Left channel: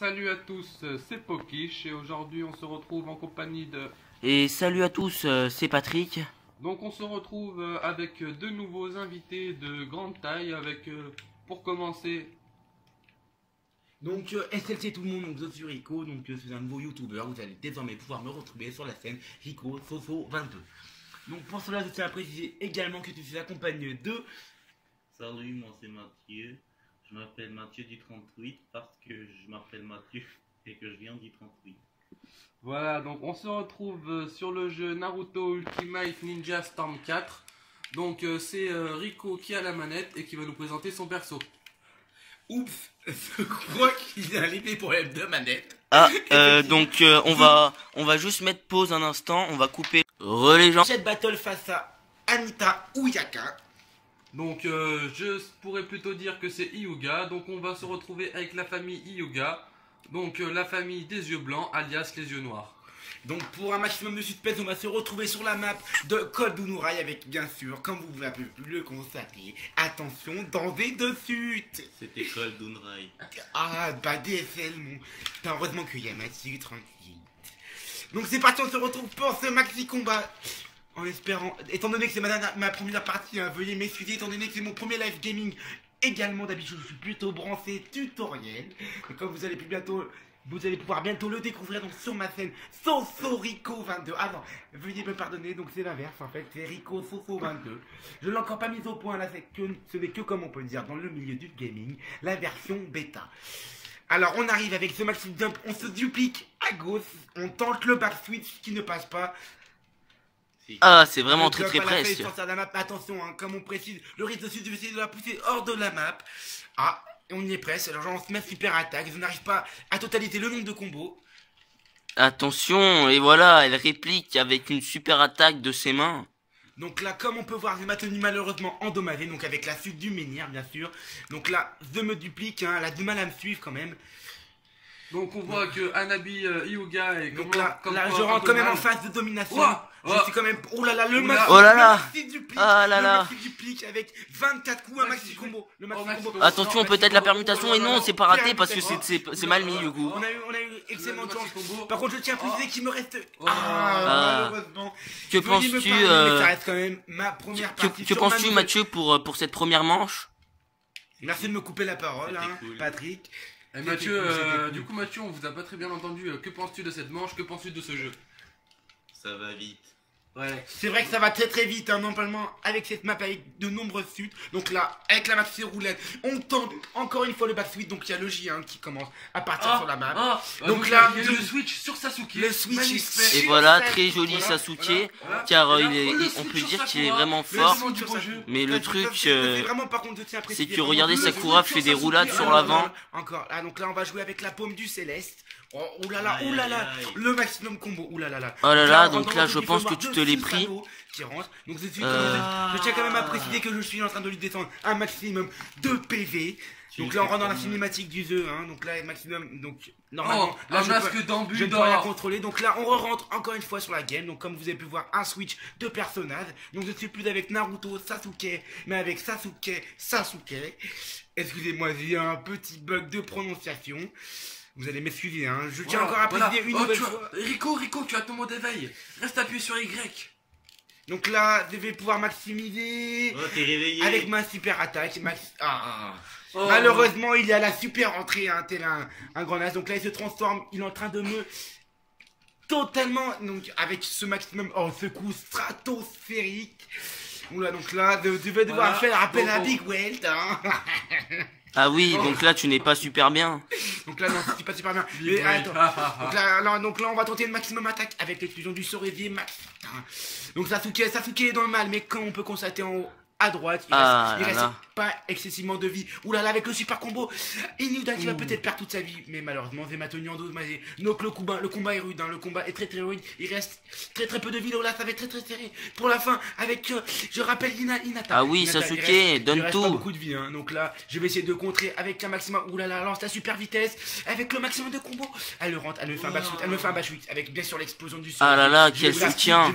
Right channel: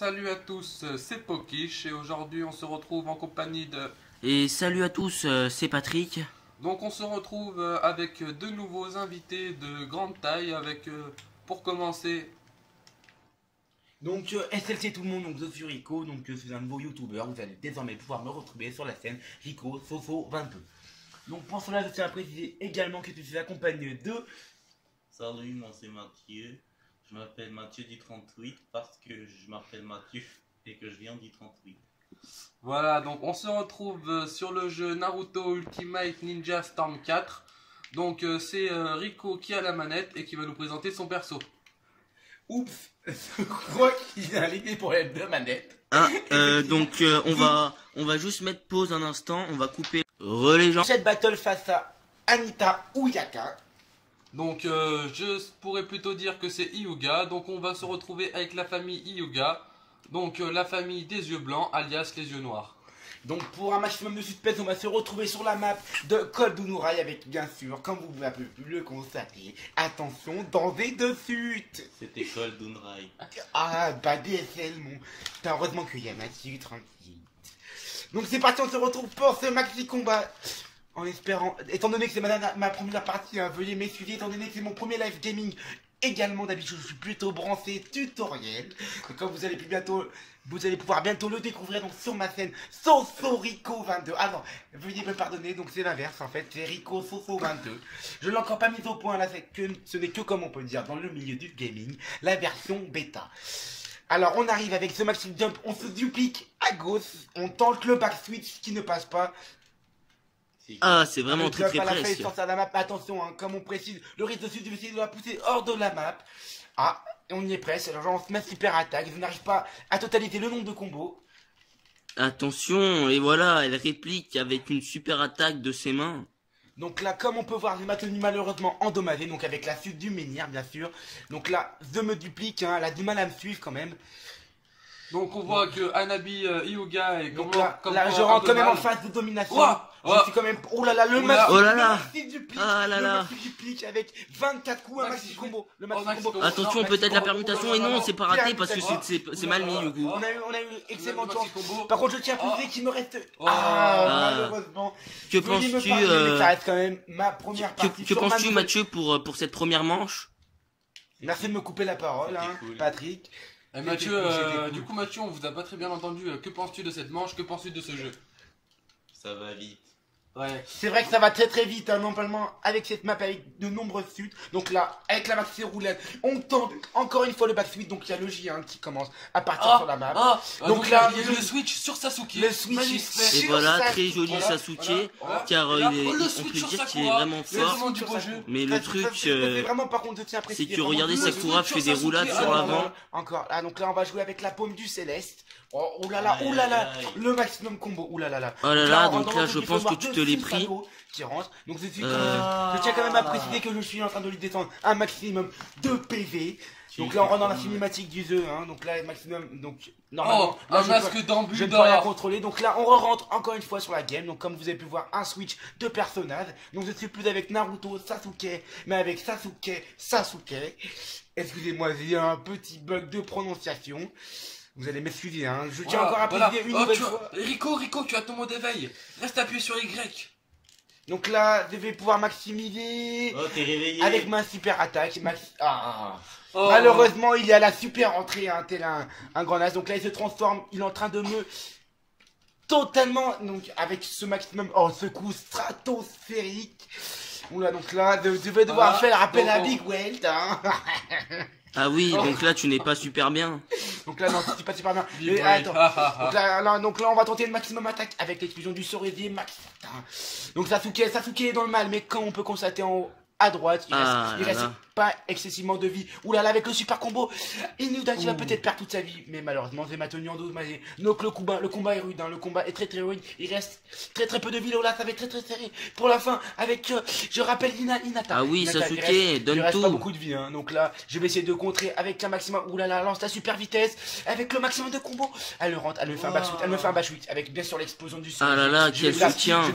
Salut à tous, c'est Pokish et aujourd'hui on se retrouve en compagnie de... Et salut à tous, c'est Patrick. Donc on se retrouve avec deux nouveaux invités de grande taille avec, pour commencer... Donc SLC tout le monde, donc je suis Rico, donc c'est un nouveau youtubeur, vous allez désormais pouvoir me retrouver sur la scène Rico Soso 22. Donc pour cela je tiens à préciser également que je suis accompagné de... Salut, moi c'est Mathieu. Je m'appelle Mathieu du 38 parce que je m'appelle Mathieu et que je viens du 38. Voilà, donc on se retrouve sur le jeu Naruto Ultimate Ninja Storm 4. Donc c'est Rico qui a la manette et qui va nous présenter son perso. Oups, je crois qu'il a les problèmes de manette. Ah, donc on va juste mettre pause un instant, on va couper relais gens. Cette battle face à Anita Uyaka. Donc je pourrais plutôt dire que c'est Hyuga. Donc on va se retrouver avec la famille Hyuga. Donc la famille des yeux blancs alias les yeux noirs. Donc pour un maximum de suspense, on va se retrouver sur la map de Code Unurai avec bien sûr, comme vous avez pu le constater, attention, danger de chute. C'était Cole Dunrai. Ah bah DSL mon. Putain, heureusement qu'il y a Mathieu tranquille. Donc c'est parti, on se retrouve pour ce maxi combat. En espérant, étant donné que c'est ma première partie, hein, veuillez m'excuser, étant donné que c'est mon premier live gaming. Également d'habitude je suis plutôt branché tutoriel. Et comme vous allez pouvoir bientôt le découvrir donc sur ma chaîne Soso Rico 22. Ah non, veuillez me pardonner, donc c'est l'inverse en fait, c'est Rico Soso 22. Je ne l'ai encore pas mis au point là, ce n'est que comme on peut dire dans le milieu du gaming, la version bêta. Alors on arrive avec ce maxi jump, on se duplique à gauche, on tente le back switch qui ne passe pas. Ah, c'est vraiment très presque. Attention, hein, comme on précise, le risque de suite, je vais essayer de la pousser hors de la map. Ah, on y est presque. Alors, on se met super attaque. Je n'arrive pas à totaliser le nombre de combos. Attention, et voilà, elle réplique avec une super attaque de ses mains. Donc là, comme on peut voir, je m'a tenu malheureusement endommagé. Donc avec la chute du menhir, bien sûr. Donc là, je me duplique. Hein, elle a du mal à me suivre quand même. Donc on voit que Hanabi Hyuga est donc là, je rentre quand même en phase de domination. Je suis quand même. Oh là là, le maxi. Oh là là. Ah là là. Le maxi duplique avec 24 coups, un maxi combo. Le maxi combo. Attention, peut-être la permutation, et non, c'est pas raté parce que c'est mal mis du coup. On a eu excellent chance. Par contre, je tiens à préciser qu'il me reste. Malheureusement. Que penses-tu Que penses-tu, Mathieu, pour cette première manche? Merci de me couper la parole, hein, Patrick. Et Mathieu, du coup Mathieu, on vous a pas très bien entendu. Que penses-tu de cette manche? Que penses-tu de ce jeu? Ça va vite. Ouais. C'est vrai que ça va très très vite, hein, normalement avec cette map avec de nombreuses suites. Donc là, avec la maxi roulette, on tente encore une fois le back switch. Donc il y a le J qui commence à partir sur la map. Donc là, il y a le switch sur Sasuke. Le switch et voilà, très joli Sasuke, car on peut dire qu'il est vraiment fort. Mais le truc, c'est que regardez, Sakura fait des roulades sur l'avant. Encore. Ah, donc là, on va jouer avec la paume du Céleste. Oh là là, le maximum combo, oh là là. Oh là là, donc là je pense que tu te l'es pris. Donc je tiens quand même à préciser que je suis en train de lui descendre un maximum de PV. Donc là on rentre dans la cinématique du jeu, hein. Donc là maximum, donc normalement là, je peux la contrôler. Donc là on rentre encore une fois sur la game. Donc comme vous avez pu voir, un switch de personnages. Donc je suis plus avec Naruto Sasuke, mais avec Sasuke. Excusez-moi, j'ai un petit bug de prononciation. Vous allez m'excuser, hein. Je tiens encore à préciser une nouvelle fois. Rico, tu as ton mot d'éveil. Reste appuyé sur Y. Donc là, je vais pouvoir maximiser. Oh, t'es réveillé. Avec ma super attaque. Malheureusement, il y a la super entrée, hein, tel un grand as. Donc là, il se transforme. Il est en train de me totalement. Donc avec ce maximum. Oh, ce coup stratosphérique. Oula, donc là, je vais devoir faire appel à Big Welt, hein. Ah oui, donc là tu n'es pas super bien. Donc là non, c'est pas super bien. Mais attends. Donc là on va tenter le maximum attaque avec l'explosion du Sorevier Max. Donc Sasuke est dans le mal, mais comme on peut constater en haut à droite, il reste pas excessivement de vie. Oula là avec le super combo, Inuda qui va peut-être perdre toute sa vie, mais malheureusement j'ai ma tenue en dos. Donc le combat est rude, hein. Le combat est très très rude. Il reste très peu de vie. Là ça va être très serré pour la fin avec je rappelle Hinata. Ah oui, Sasuke, donne tout. Pas beaucoup de vie, hein. Donc là je vais essayer de contrer avec un maximum. Oula là, lance la super vitesse avec le maximum de combo. Elle rentre, elle me fait un back switch, avec bien sûr l'explosion du sol. Ah là là, quel soutien.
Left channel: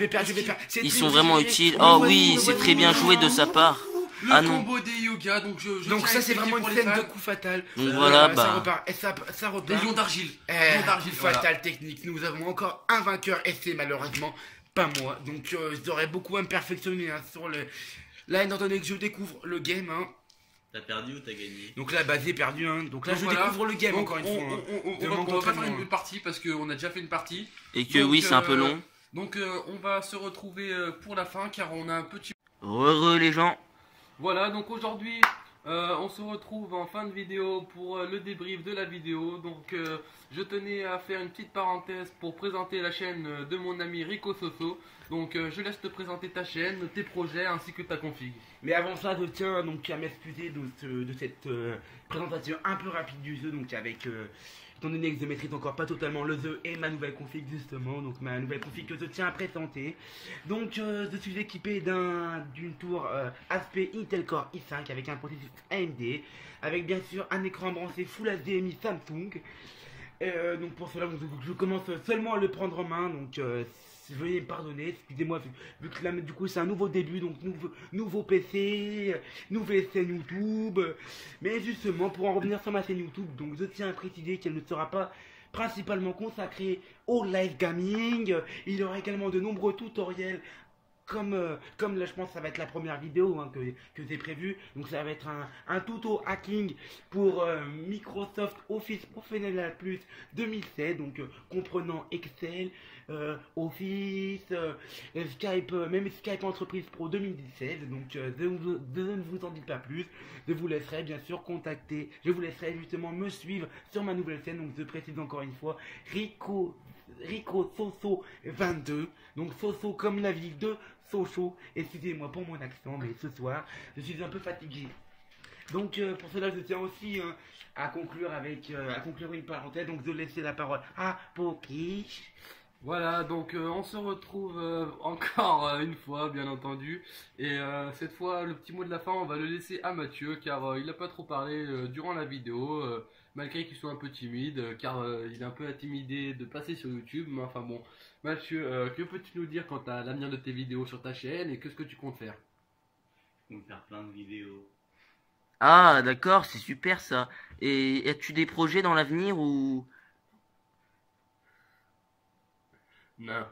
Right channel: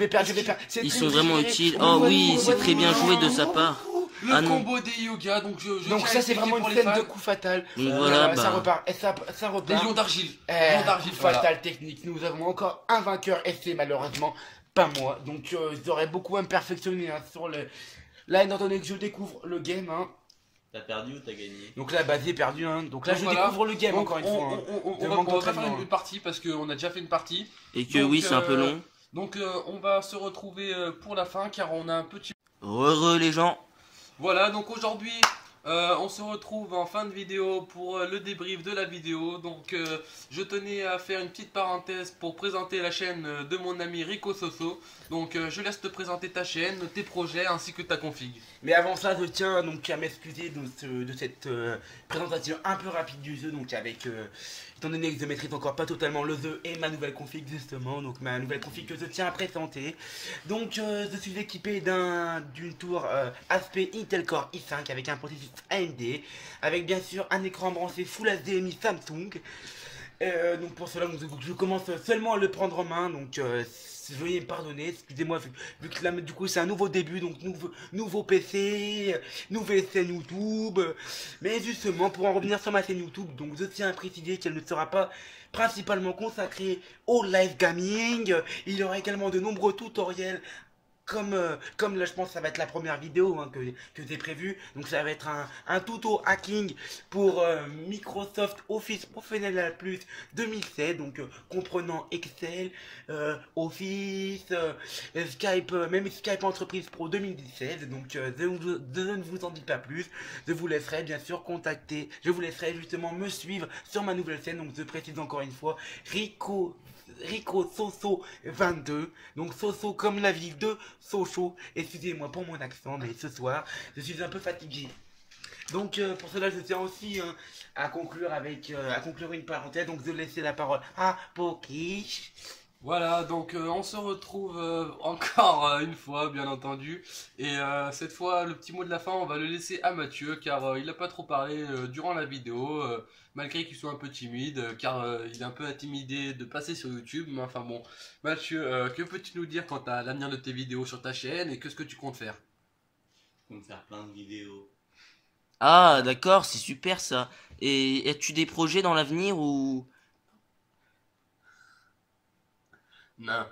Ils sont vraiment utiles. Oh oui, c'est très bien joué de sa part. Le combo des yoga, donc donc ça c'est vraiment une scène de coup fatal. Donc voilà, ça repart. Des lions d'argile. Coup fatal technique. Nous avons encore un vainqueur et c'est malheureusement pas moi. Donc j'aurais beaucoup à me perfectionner sur le... Là étant donné que je découvre le game, T'as perdu ou t'as gagné? Donc là, j'ai perdu. Donc là, je découvre le game donc, encore une fois. On va pas faire une partie parce qu'on a déjà fait une partie. Et que oui, c'est un peu long. Donc on va se retrouver pour la fin car on a un petit... Heureux les gens. Voilà, donc aujourd'hui, on se retrouve en fin de vidéo pour le débrief de la vidéo. Donc je tenais à faire une petite parenthèse pour présenter la chaîne de mon ami Rico Soso. Donc je laisse te présenter ta chaîne, tes projets ainsi que ta config. Mais avant ça, je tiens donc à m'excuser de cette présentation un peu rapide du jeu. Donc avec, étant donné que je maîtrise encore pas totalement le jeu et ma nouvelle config justement. Donc ma nouvelle config que je tiens à présenter. Donc je suis équipé d'une tour HP Intel Core i5 avec un processus AMD. Avec bien sûr un écran branché Full HDMI Samsung. Donc pour cela, je commence seulement à le prendre en main. Donc veuillez me pardonner, excusez-moi, vu que là, du coup c'est un nouveau début, donc nouveau PC, nouvelle chaîne YouTube. Mais justement, pour en revenir sur ma chaîne YouTube, donc je tiens à préciser qu'elle ne sera pas principalement consacrée au live gaming. Il y aura également de nombreux tutoriels. Comme là je pense que ça va être la première vidéo que j'ai prévue. Donc ça va être un tuto hacking pour Microsoft Office Professional Plus 2016. Donc comprenant Excel, Office, Skype, même Skype Entreprise Pro 2017. Donc je ne vous en dis pas plus. Je vous laisserai bien sûr contacter. Je vous laisserai justement me suivre sur ma nouvelle chaîne. Donc je précise encore une fois, Rico Soso 22, donc Soso comme la ville de Sochaux. Excusez-moi pour mon accent, mais ce soir je suis un peu fatigué. Donc pour cela je tiens aussi à conclure une parenthèse. Donc je vais laisser la parole à Poki. Voilà, donc on se retrouve encore une fois, bien entendu. Et cette fois, le petit mot de la fin, on va le laisser à Mathieu, car il n'a pas trop parlé durant la vidéo, malgré qu'il soit un peu timide, car il est un peu intimidé de passer sur YouTube. Mais enfin bon, Mathieu, que peux-tu nous dire quant à l'avenir de tes vidéos sur ta chaîne et qu'est-ce que tu comptes faire? Je compte faire plein de vidéos. Ah, d'accord, c'est super ça. Et as-tu des projets dans l'avenir ou... Non.